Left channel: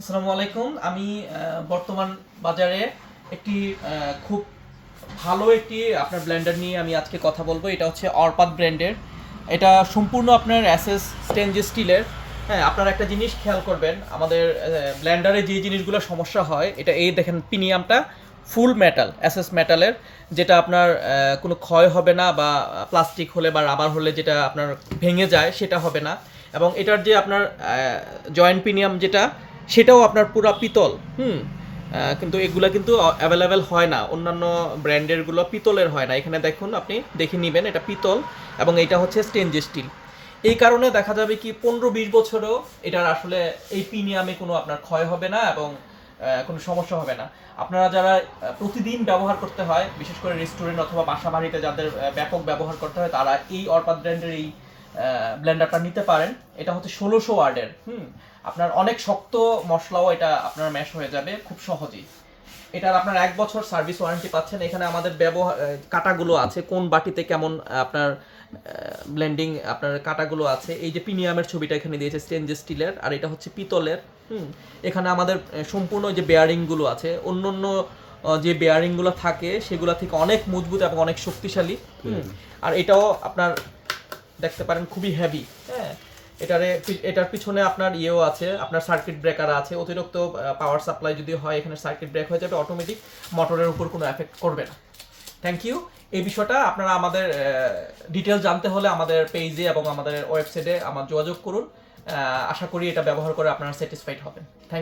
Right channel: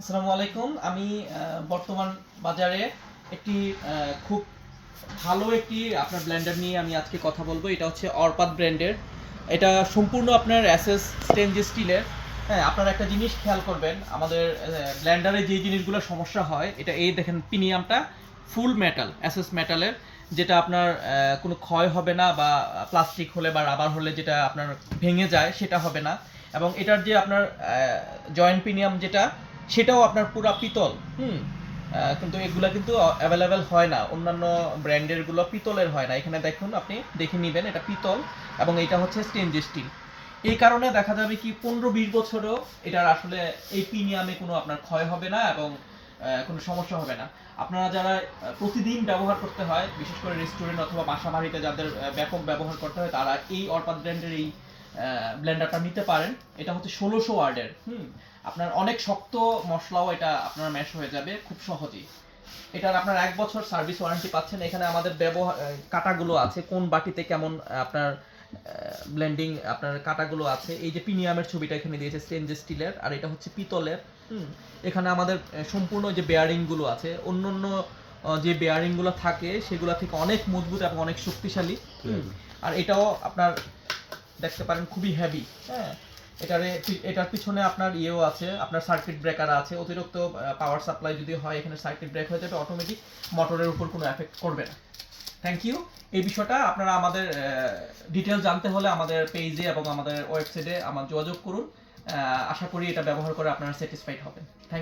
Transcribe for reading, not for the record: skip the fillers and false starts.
আসসালামু আলাইকুম। আমি বর্তমান বাজারে একটি খুব ভালো একটি আপনার ব্লেন্ডার নিয়ে আমি আজকে কথা বলবো। এটা হচ্ছে অরপাত ব্র্যান্ডের। এটা সম্পূর্ণ আপনার অ্যাসেস স্টেনলেস স্টিলের। হ্যাঁ, আপনারা একটা জিনিস খেয়াল করবেন, আমাদের ব্লেন্ডারে যে জিনিসগুলো সমস্যা হয়, এটা এই দেখেন পিনিয়ামটা ফুল মেটাল, অ্যাসেস মেটালের, যেটা আপনার কোনো ক্ষয় হবে না, বা প্লাস্টিক হলে বা রাবার হলে যেটা আপনার ভেঙে যায় সেটা হবে না। এবং এটার যে আপনার জয়েন্ট পিনিয়াম যেটা, সেটাও আপনার পুরা পিতল। কিন্তু এগুলা কিন্তু অ্যাভেলেবেল হয় না, অন্যান্য ব্র্যান্ডেরগুলো পিতলের হয় না। এখানে দেখুন, আপনি দেখে নেবেন এটা পিতল এবং এটা হচ্ছে স্টেনলেস স্টিল। এই কারণে দেখা যাবে কি 15-20 বছরও এটার আসলে এই প্রিমিয়ামে কোনো আপনার ক্ষয় হবে না এবং কোনো সমস্যা হবে না। আপনারা যারা প্রতিদিন ব্যবহার করতে হয়, বিশেষ করে রেস্টুরেন্ট অথবা বাসা বাড়িতে যাদের ব্যাপক ব্যবহার করতে হয়, তারা এই অরপাত ব্র্যান্ডের এই ব্লেন্ডারটা নিতে পারেন। এটা হচ্ছে 1600 ওয়ার্ডের। আপনার অনেক শক্ত মশলাও এটা আপনার ম্যাশ হয়ে যাবে খুব সহজেই। এটার আপনার 1 বছর সার্ভিস ওয়ারেন্টি পাচ্ছেন। এখানে আমাদের ব্যবহার কাটাগুলো আছে, কোন বাটিতে কেমন আপনার ব্লেন্ডিং আপনার কাটাগুলো আছে। এই যে প্রিমিয়ামের ছবিটা এখানে দিয়েছে স্টেনলেস স্টিলের, আর এটা হচ্ছে পিতলের। এখানে আমাদের সম্পূর্ণ যে বেয়ারিংগুলো আছে, অন্য অন্য যে বেয়ারিংগুলো থাকে সেগুলো থেকে অনেক মজবুত এবং অনেক শক্তিশালী। আর এটাও আপনার দেখতে পারেন খুবই হেভি। হ্যাঁ, এটার পিছনে আপনার ইয়েও আছে, আপনার সার্কিট ব্রেকার আছে। অতিরিক্ত পাওয়ার সাপ্লাই যদি হয়, এখানে সার্কিট ব্রেক হয়ে যাবে, অটোমেটিক মোটরের উপর কোনো এফেক্ট করবে না। Thank you. এই বিষয়টা আপনারা আমাদের ডিটেল জানতে হলে আমাদের পেজে এবং আমাদের ওয়েবসাইটে আমার যোগাযোগ করুন। আশা করি এটা ব্যবহার করে আপনারা স্যাটিসফাইড হবেন। থ্যাংক